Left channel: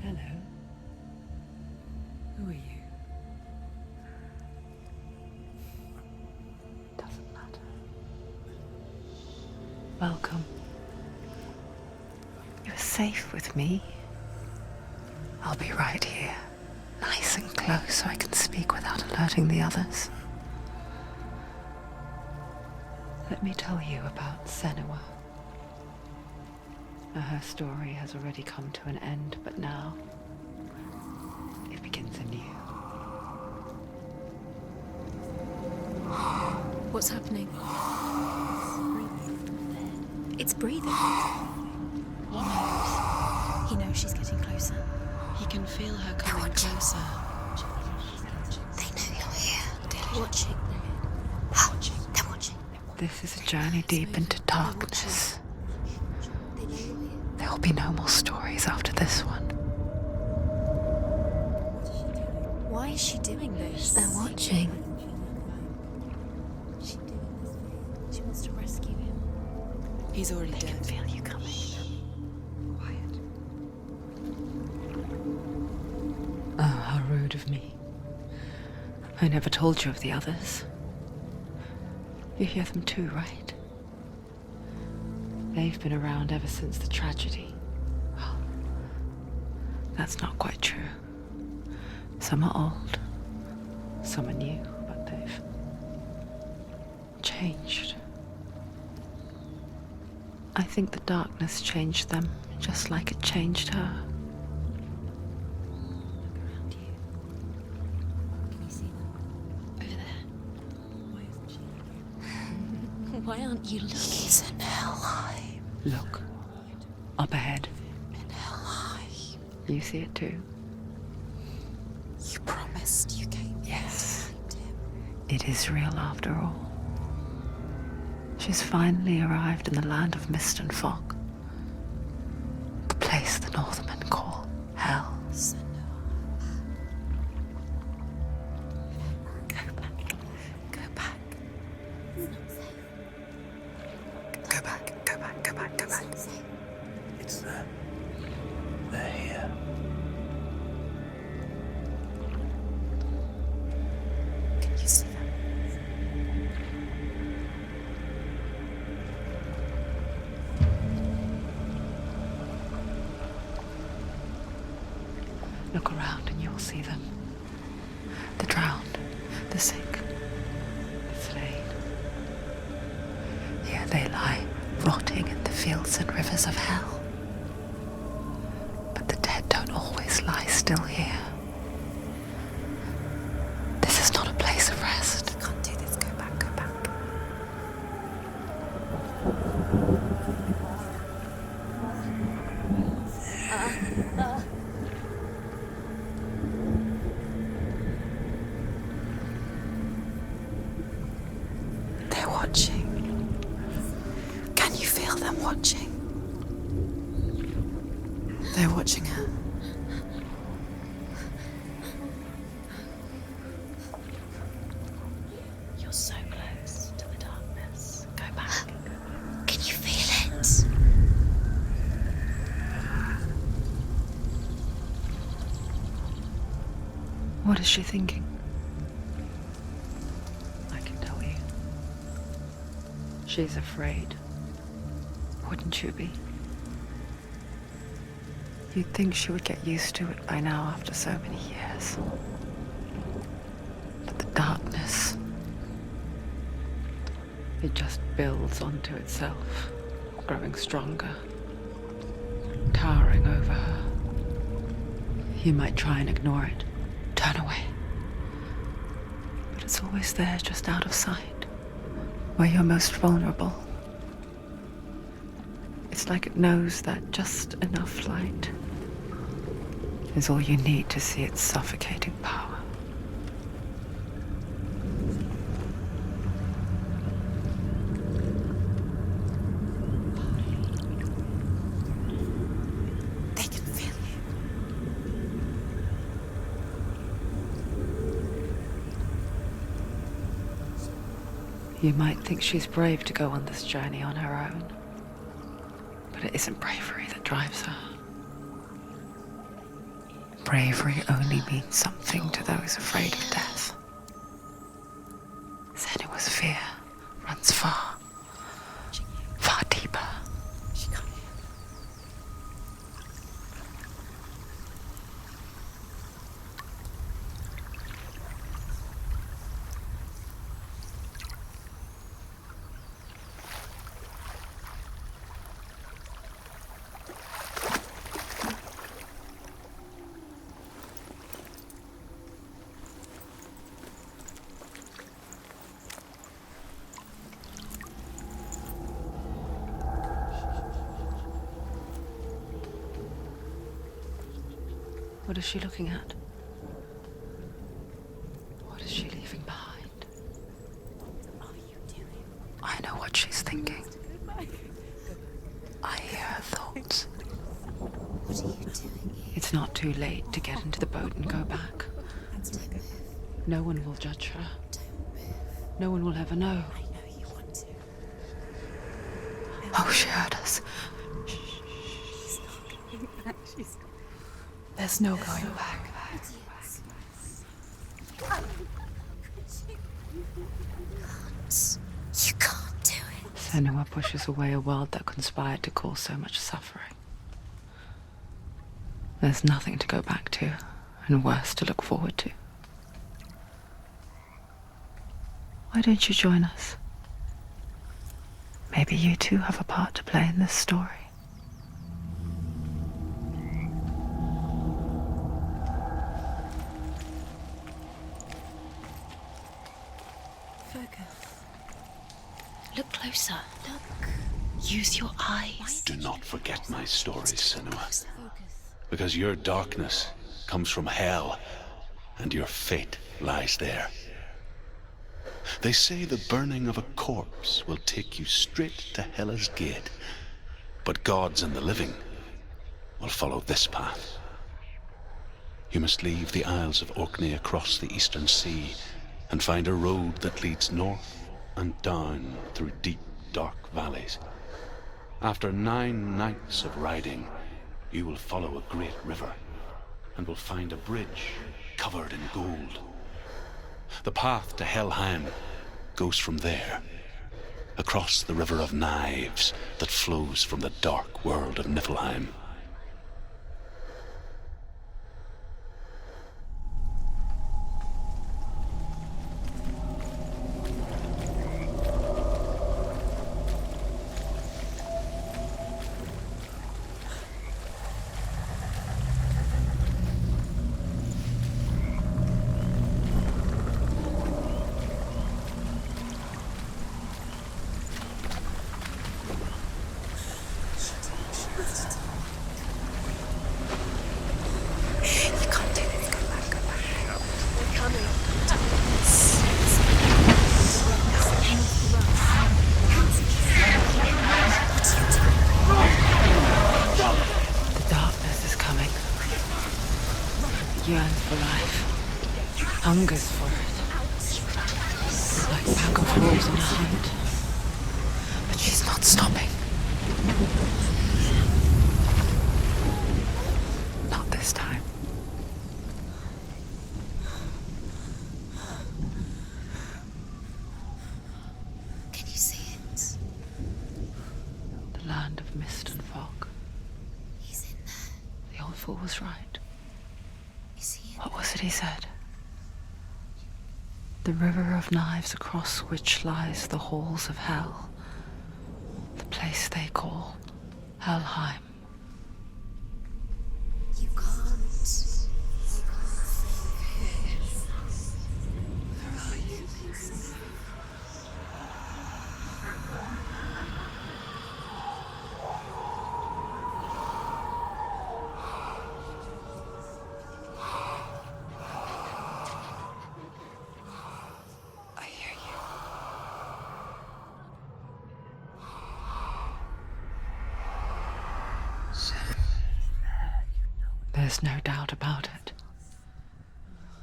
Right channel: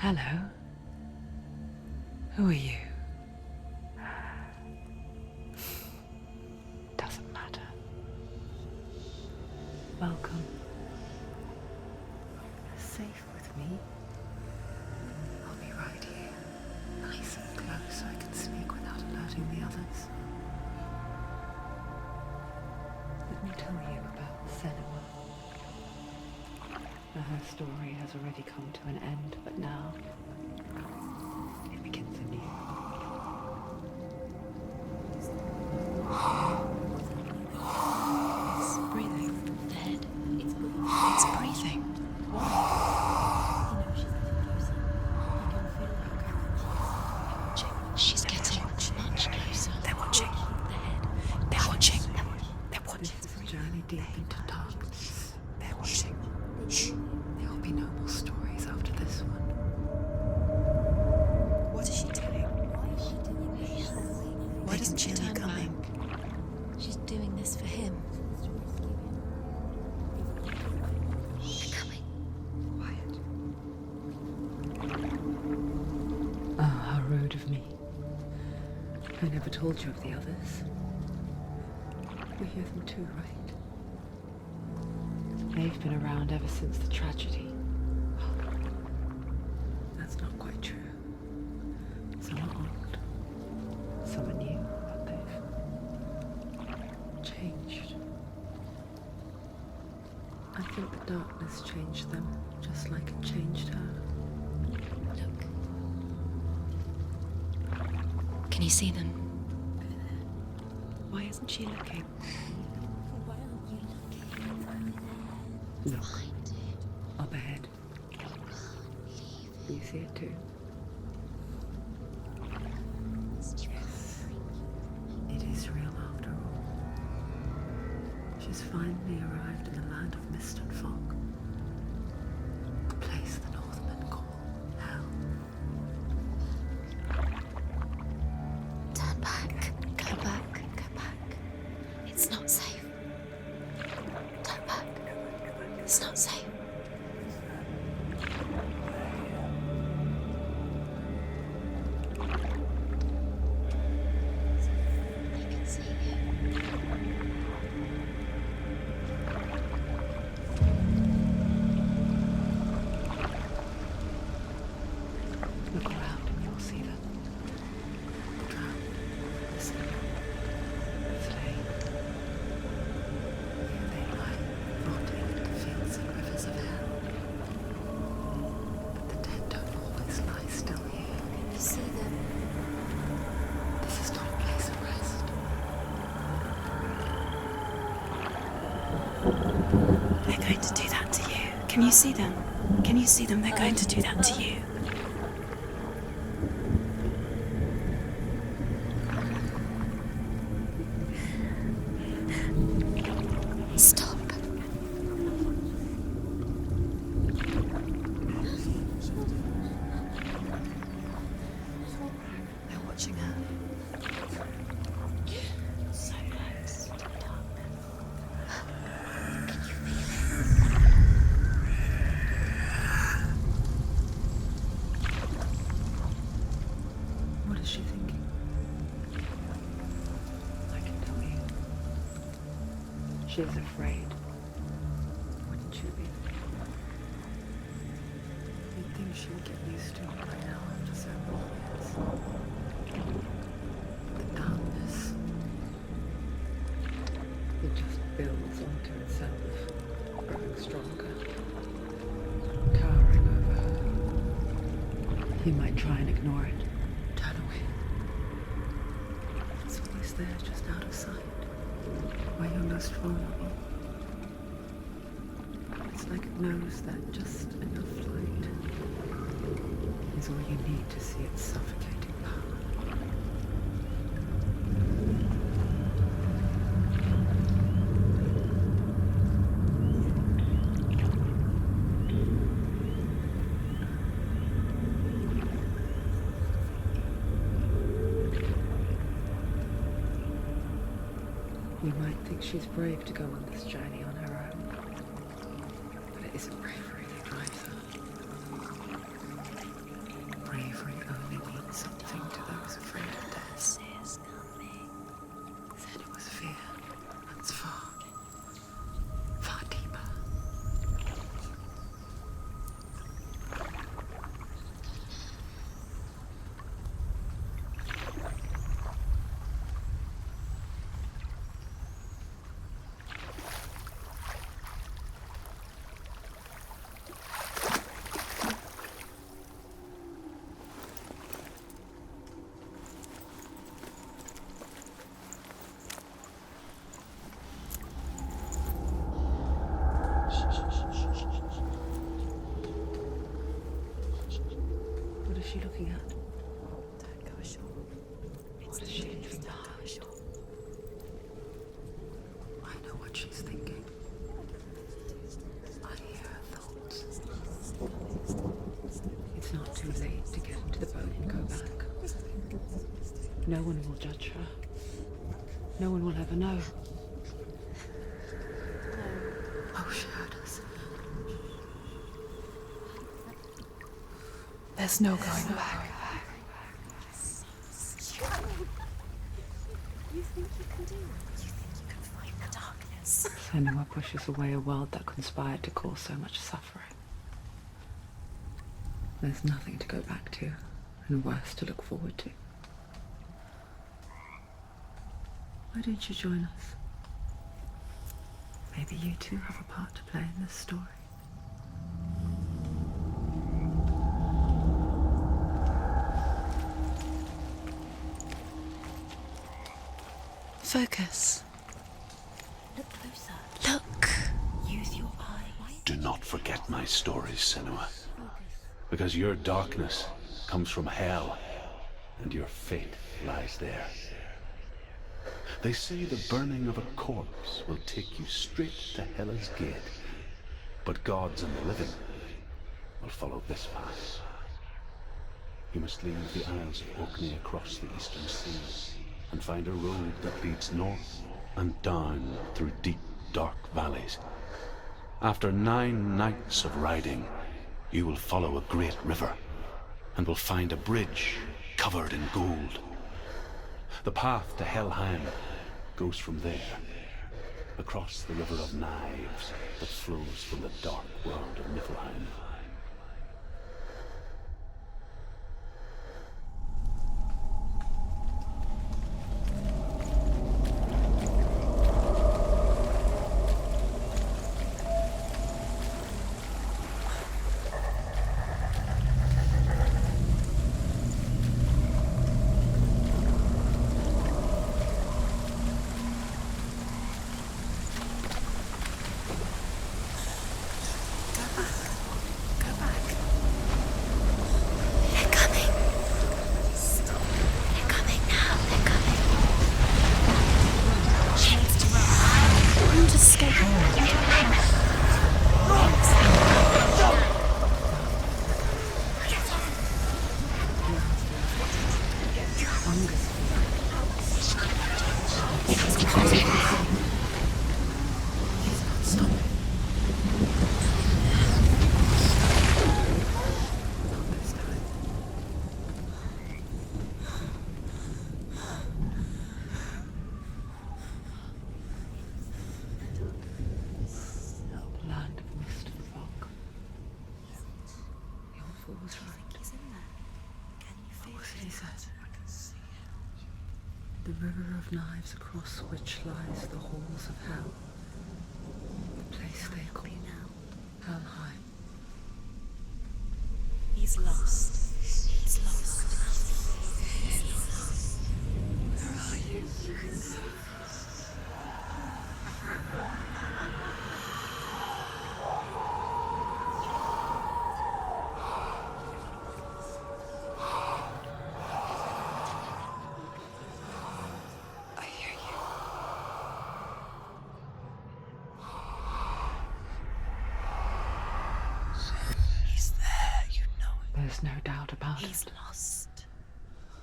Hello. Who are you? Doesn't matter. Welcome. You're safe with me. I'll be right here, nice and close so I can speak without alerting the others. Let me tell you about Senua. Her story has already come to an end, but now it begins anew. What's happening? It's breathing. Dead. It's breathing. It's breathing. What? He knows she's getting closer. He can feel her coming closer. She's getting closer. They're watching. They're watching. They're watching. This is a journey deep into darkness. There will be no more stories after this one. What is she doing? Why is she doing this? They're watching. Why doesn't she turn coming? She's doing this for him. She wants to rescue him. He's already dead. I feel you coming. Quiet. Oh, how rude of me. I never told you of the others. You hear them too, right? They've been around ever since the tragedy. Well, that's not quite true. Some are old, some are new, but they've changed. I think the darkness changed them, just like it changed her. Can you see them? Over there. Why isn't she looking? Why aren't you looking? He's in Helheim. Look, up ahead. You see it too? You promised you came. Yes. It is real after all. She's finally arrived in the land of mist and fog. The place the Northmen call Hell. Turn back. Go back. Go back. It's not safe. Go back, go back, go back, go It's back. not safe. It's them. They're here. Can you see them? I can see it. Look around and you'll see them. The drowned, the sick, the slain. Here they lie, rotting in the fields and rivers of hell. But the dead don't always lie still here. You see them? This is not a place of rest. You can't do this. Go back. Go back. They're going to do that to you. Can you see them? Can you see them? They're going to do that to you. They're watching. Stop. Can you feel them watching? They're watching her. They're watching her. You're so close to the darkness. Go back. Can you feel it? What is she thinking? I can tell you. She's afraid. Wouldn't you be? You'd think she would get used to it by now after so many years. But the darkness, it just builds onto itself, growing stronger, towering over her. You might try and ignore it, turn away. But it's always there, just out of sight, where you're most vulnerable. It's like it knows that just enough light is all you need to see its suffocating power. They can feel You might think she's brave to go on this journey on her own, but it isn't bravery that drives her. bravery only means something to those afraid of death. Senua's fear runs far, far deeper. What is she looking at? What is she leaving behind? I know what she's thinking. I hear her thoughts. It's not too late to get into the boat and go back. No one will judge her. No one will ever know. Oh, she heard us. There's no going back. You can't do it. Senua pushes away a world that conspired to cause so much suffering. There's nothing to go back to, and worse to look forward to. Why don't you join us? Maybe you too have a part to play in this story. Focus. Look closer. Look. Use your eyes. Do not forget my stories, Senua. Because your darkness comes from hell, and your fate lies there. They say the burning of a corpse will take you straight to Hela's gate, but gods and the living will follow this path. You must leave the Isles of Orkney across the eastern sea and find a road that leads north and down through deep, dark valleys. After 9 nights of riding, you will follow a great river and will find a bridge covered in gold. The path to Helheim goes from there, across the river of knives that flows from the dark world of Niflheim. Yearns for life, hungers for it. Like sacrifices her feet. But she's not stopping. Not this time. Can you see it? The land of mist and fog. He's in there. The old fool was right. You see it? What was it he said? The river of knives across which lies the halls of hell. The place they call Helheim. He's lost. He's lost. Where are you? I hear you. He's there, you know it. There's no doubt about He's it. lost.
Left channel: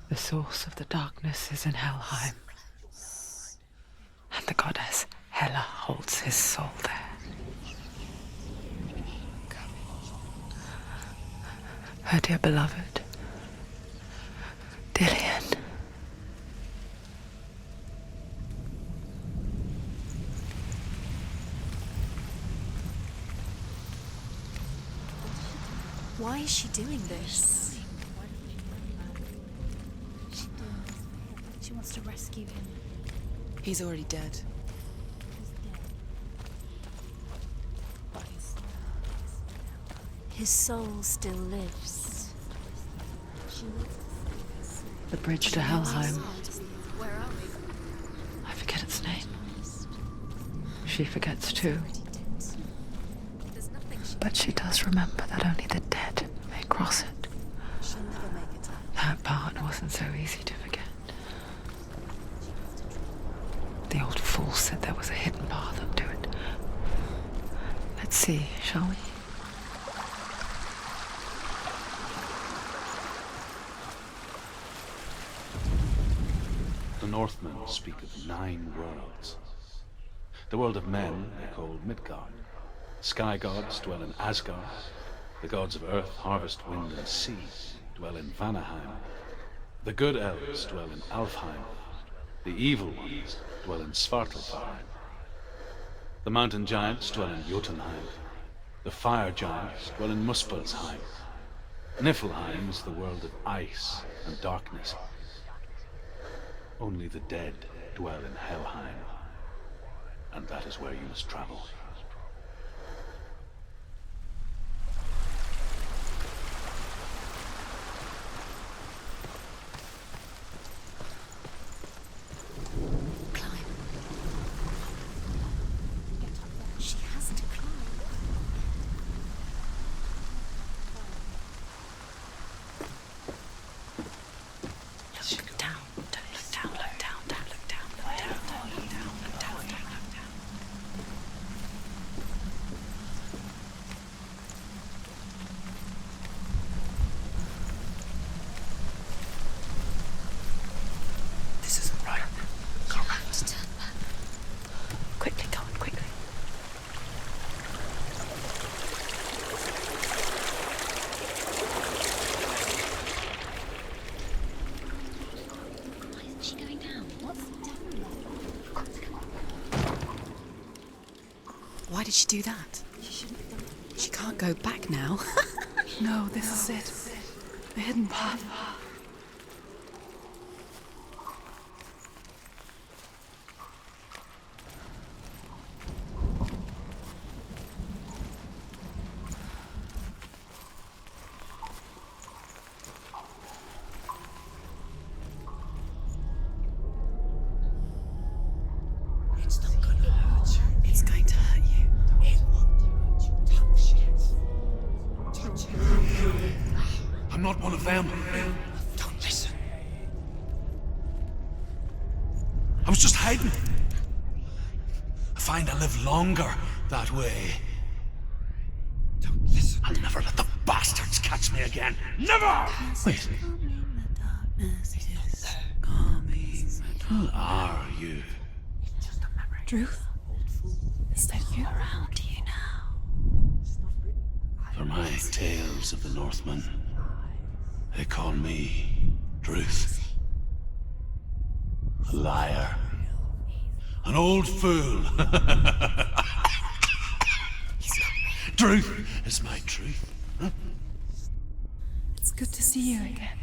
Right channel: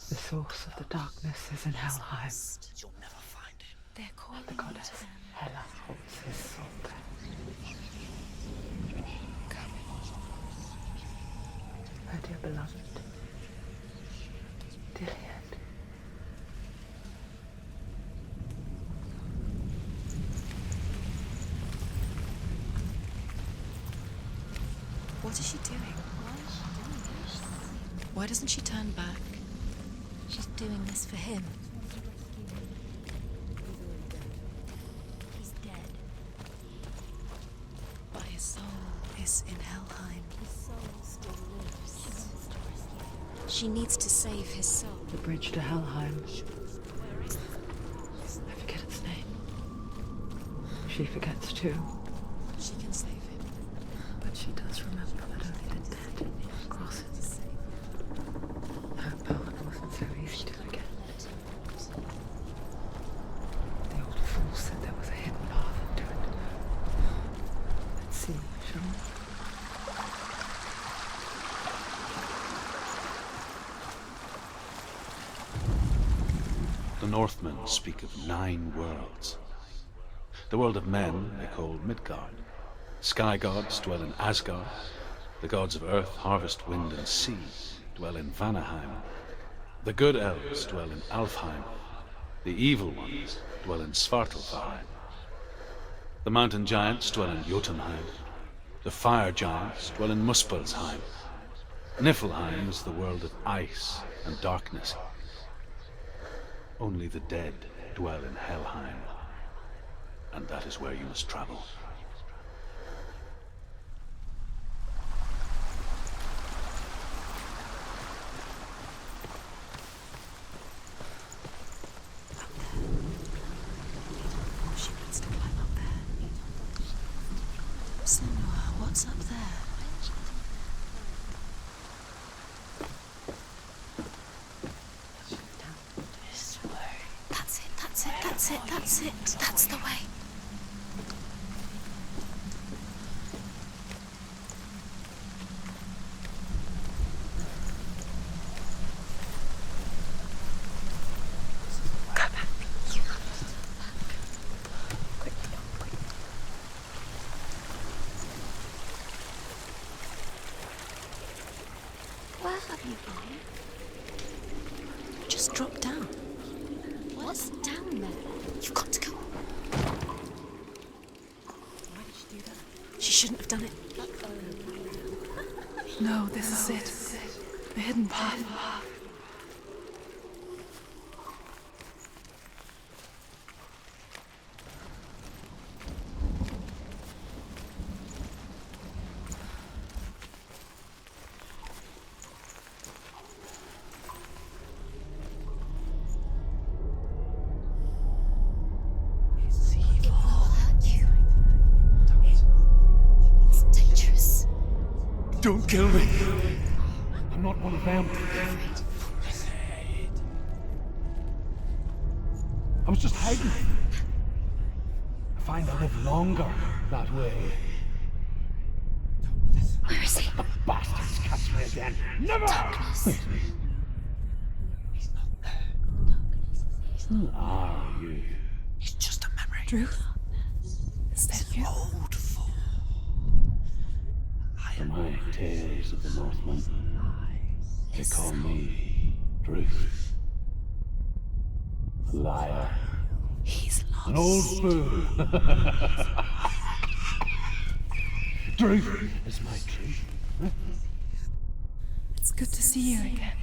The source of the darkness is in Helheim, They're called and the goddess Hela holds his soul there. Her dear beloved, Why is she doing this? Why doesn't she turn back? She's doing this for him. She wants to rescue him. He's already dead. He's dead. But his soul is in Helheim. His soul still lives. She needs to save his soul. The bridge to Helheim. I forget its name. She forgets too. But she does remember that only the dead may cross it. That part wasn't so easy to forget. The old fool said there was a hidden path up to it. Let's see, shall we? The Northmen speak of 9 worlds. The world of men they call Midgard. Sky gods dwell in Asgard. The gods of earth, harvest, wind, and sea dwell in Vanaheim. The good elves dwell in Alfheim. The evil ones dwell in Svartalfheim. The mountain giants dwell in Jotunheim. The fire giants dwell in Muspelheim. Niflheim is the world of ice and darkness. Only the dead dwell in Helheim, and that is where you must travel. She has to climb. So, what's up there? That's it. That's the way. This isn't right. You have to turn back. Quickly, Tom, quickly. Just drop down. Why is she going down? What's down there? You've got to go. Why did she do that? She shouldn't have done it. She can't go back now. No, this is it. The hidden path. He's going to hurt you. It's dangerous. Don't kill me. I'm not one of them. Don't listen. I was just hiding. I find I live longer that way. Don't listen. I'll never let the bastards catch me again. Never! Wait. Who are you? It's just a memory. Druth? Is that you? How do you know? For my tales of the Northmen, they call me Druth. A liar. He's lost. An old fool. Druth is my truth. It's good to see you again.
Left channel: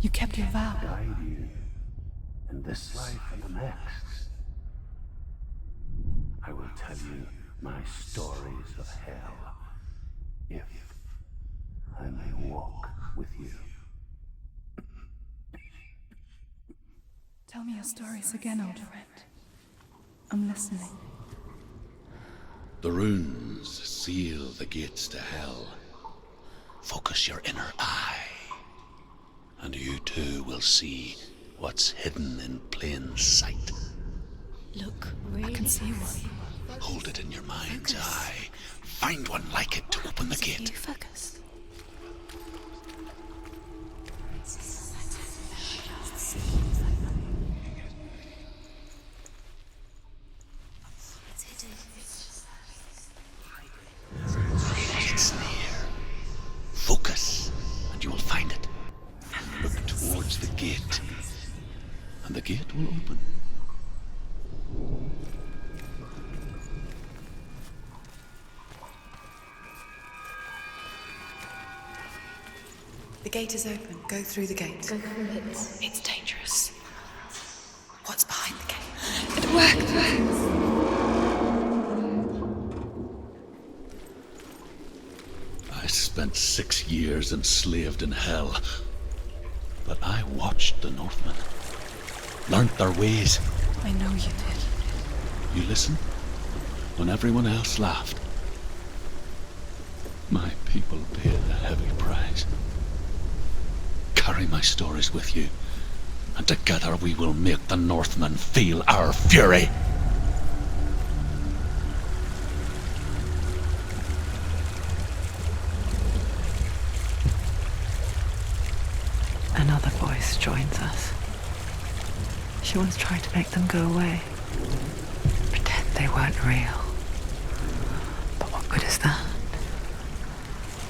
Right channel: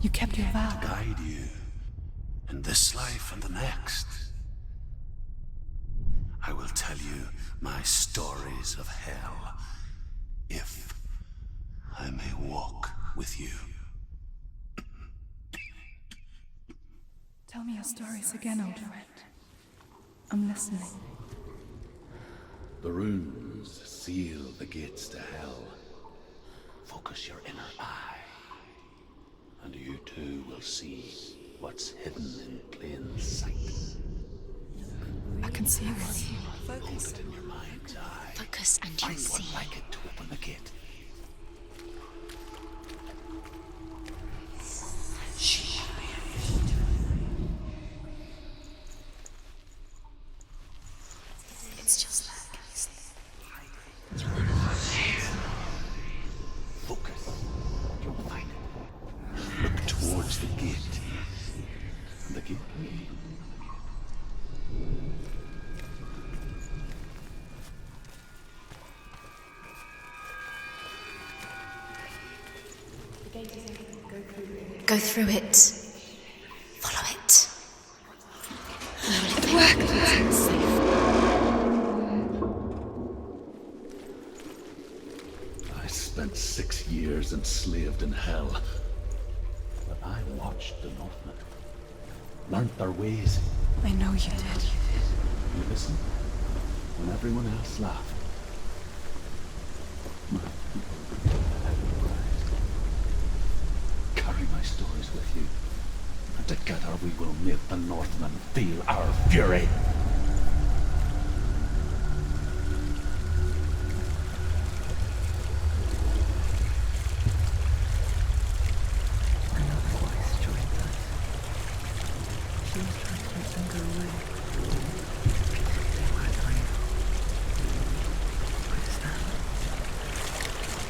You kept your vow. Guide you in this life and the next. I will tell you my stories of hell, if I may walk with you. Tell me your stories again, old friend. I'm listening. The runes seal the gates to hell. Focus your inner eye, and you too will see what's hidden in plain sight. Look, I can see one. Hold it in your mind's eye. focus and Find one like it to open the gate. you focus. It's just It's near. Focus, and you will find it. Look towards the gate, and the gate will open. The gate is open. Go through the gate. Go through it. It's dangerous. Follow it. What's behind the gate? It worked. I spent 6 years enslaved in hell. But I watched the Northmen. Learnt their ways. I know you did. You listened when everyone else laughed. My people paid a heavy price. Carry my stories with you, and together we will make the Northmen feel our fury. Another voice joins us. She was trying to make them go away. Pretend they weren't real. But what good is that?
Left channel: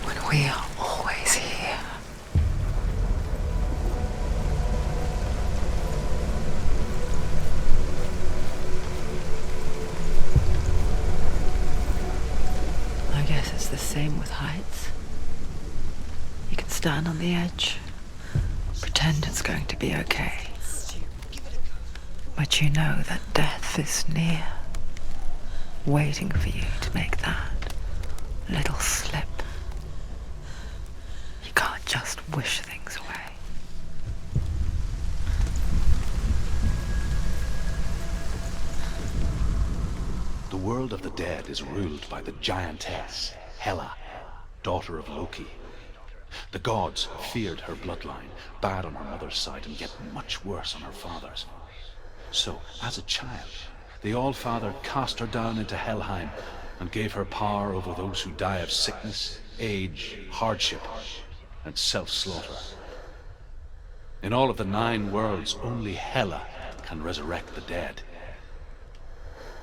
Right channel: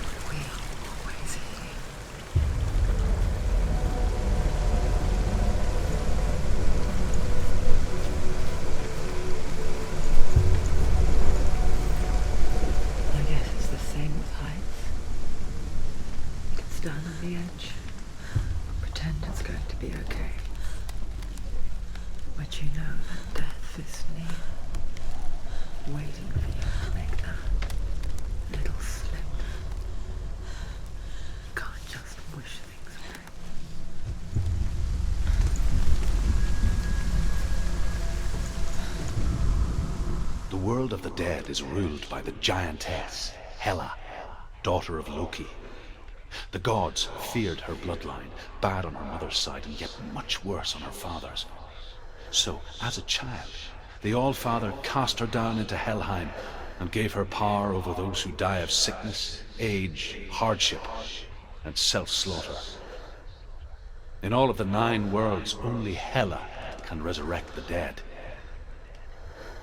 When we are always here. I guess it's the same with heights. You can stand on the edge, pretend it's going to be okay. But you know that death is near, waiting for you to make that little slip. You can't just wish things away. The world of the dead is ruled by the giantess, Hela, daughter of Loki. The gods feared her bloodline, bad on her mother's side and yet much worse on her father's. So, as a child, the All-Father cast her down into Helheim and gave her power over those who die of sickness, age, hardship, and self-slaughter. In all of the 9 worlds, only Hela can resurrect the dead.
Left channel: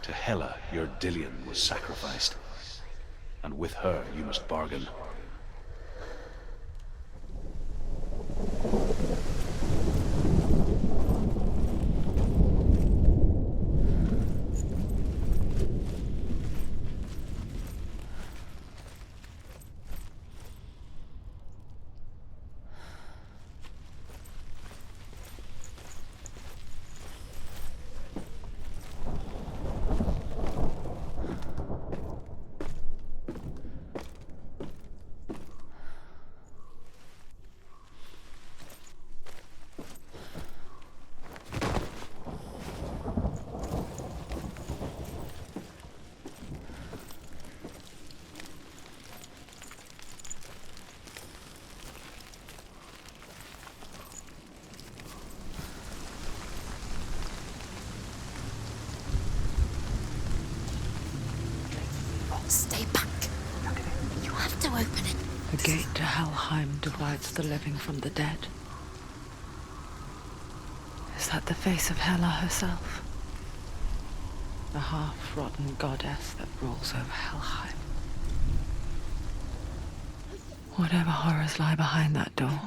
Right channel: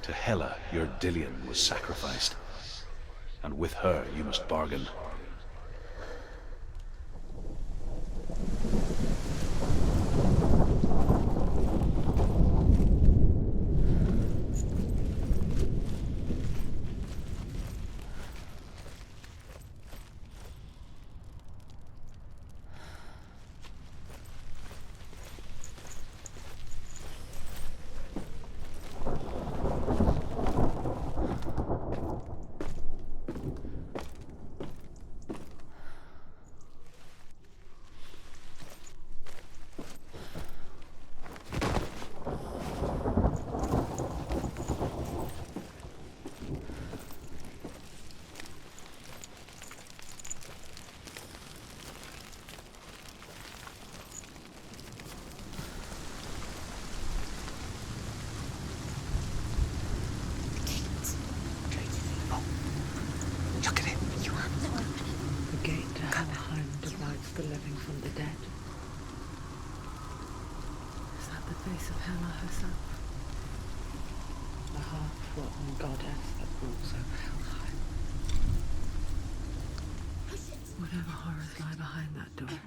To Hela, your Dillion was sacrificed, and with her you must bargain. Stay back. Look at it. You have to open it. The gate to Helheim divides the living from the dead. Is that the face of Hela herself? The half-rotten goddess that rules over Helheim. Whatever horrors lie behind that door,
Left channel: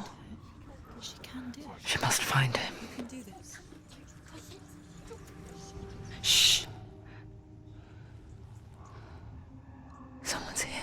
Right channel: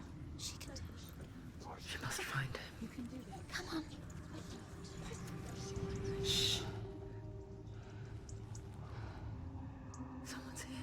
she must find him. Shh. Someone's here.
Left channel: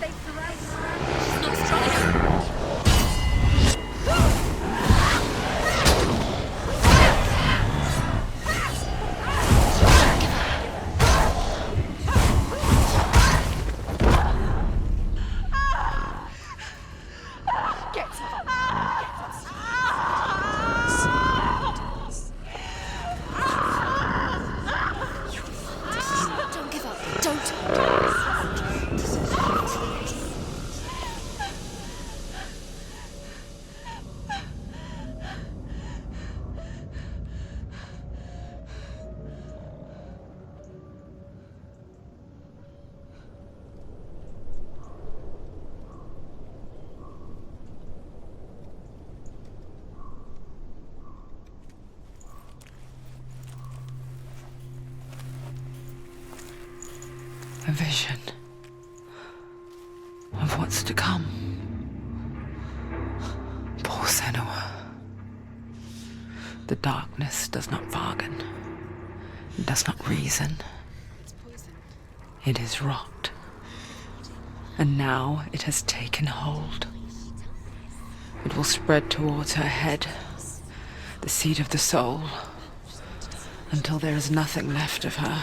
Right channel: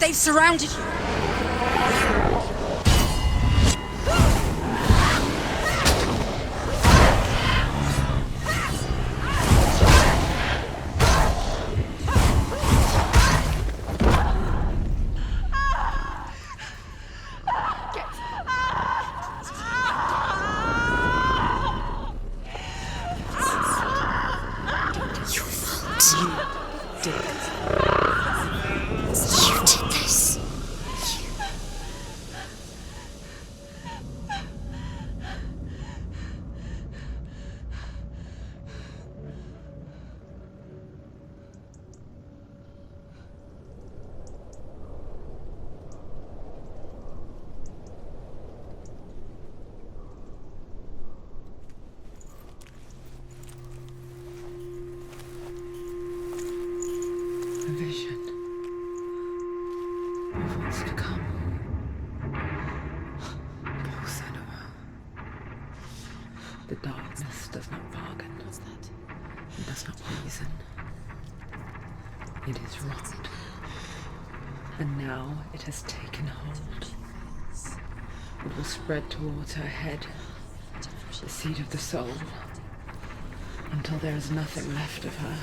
They've surrounded you. A vision of what's to come. Poor Senua. The darkness does not bargain, it does not reason. It is rot. And now it has taken hold. It will spread towards her head, the seat of the soul, until there is nothing left of her.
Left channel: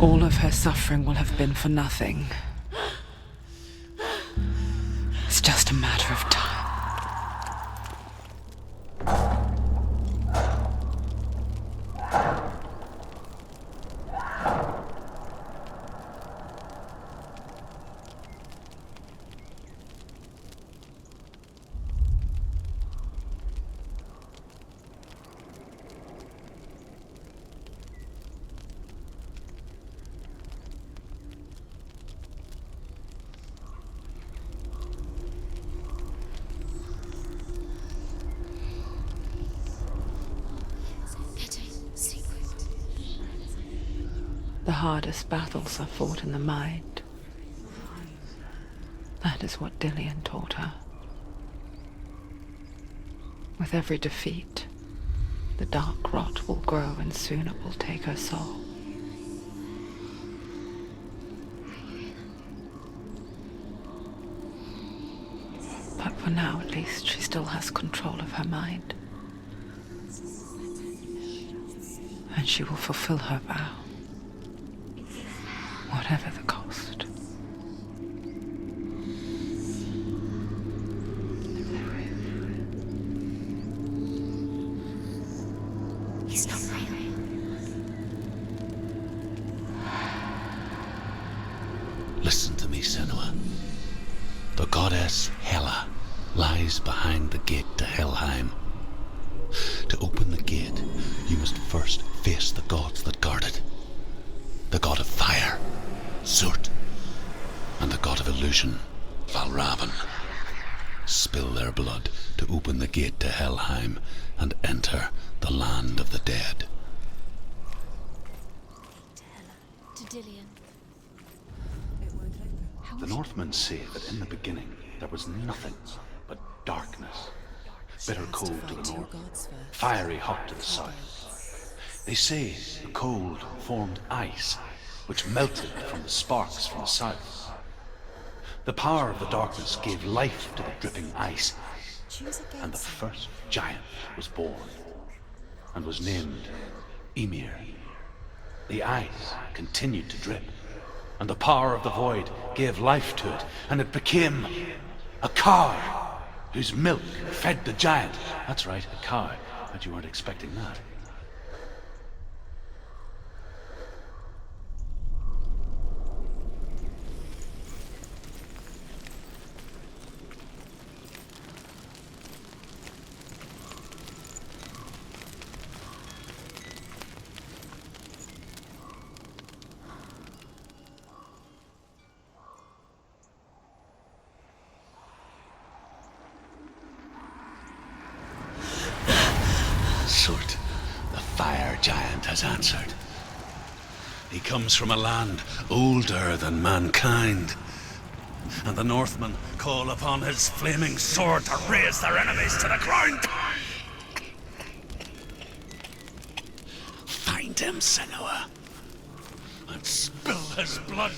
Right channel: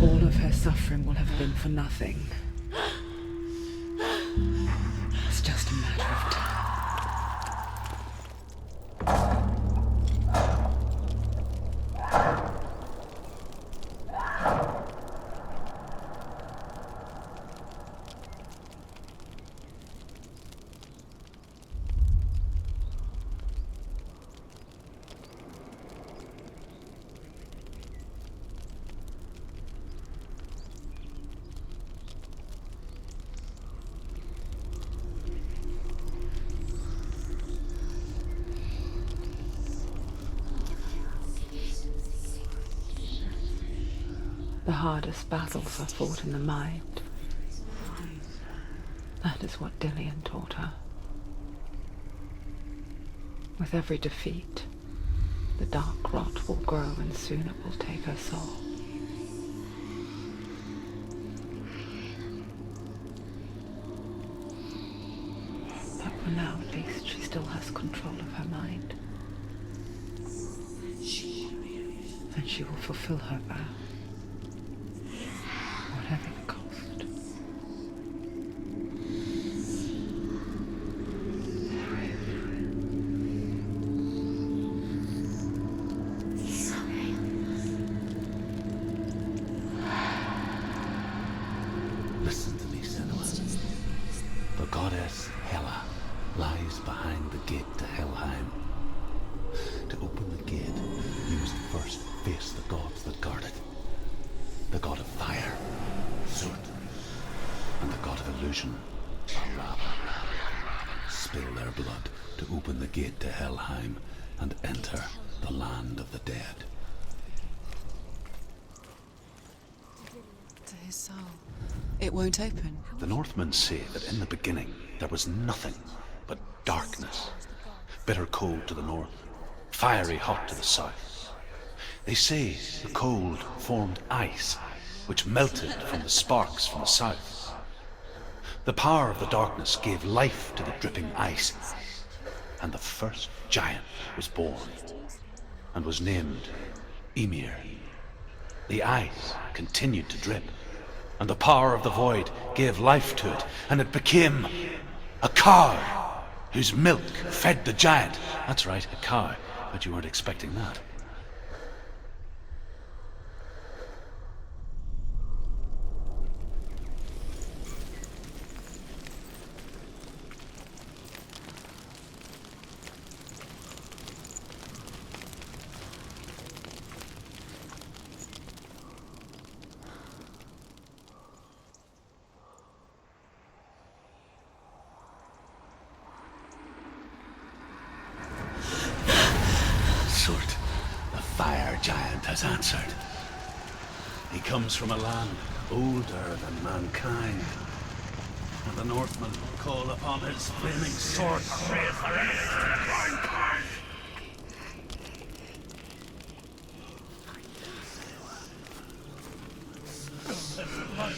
All of her suffering will have been for nothing. It's just a matter of time. The hardest battles are fought in the mind. That is what Dillian taught her. With every defeat, the dark rot will grow and soon it will take her soul. But for now, at least, she still has control of her mind. And she will fulfill her vow. Whatever the cost. He's not breathing. Listen to me, Senua. The goddess Hela lies behind the gate to Helheim. To open the gate, you must first face the gods that guard it. The god of fire, Zurt, and the god of illusion, Valravan. Spill their blood to open the gate to Helheim and enter the land of the dead. To Dillian. To his soul. It won't open. The Northmen say that in the beginning there was nothing but darkness. Bitter cold to the north, fiery hot to the south. They say the cold formed ice, which melted from the sparks from the south. The power of the darkness gave life to the dripping ice, and the first giant was born, and was named Ymir. The ice continued to drip, and the power of the void gave life to it, and it became a cow, whose milk fed the giant. That's right, a cow. Bet you weren't expecting that. Zurt, the fire giant, has answered. He comes from a land older than mankind, and the Northmen call upon his flaming sword to raze their enemies to the ground. him, Senua. Let's spill his blood.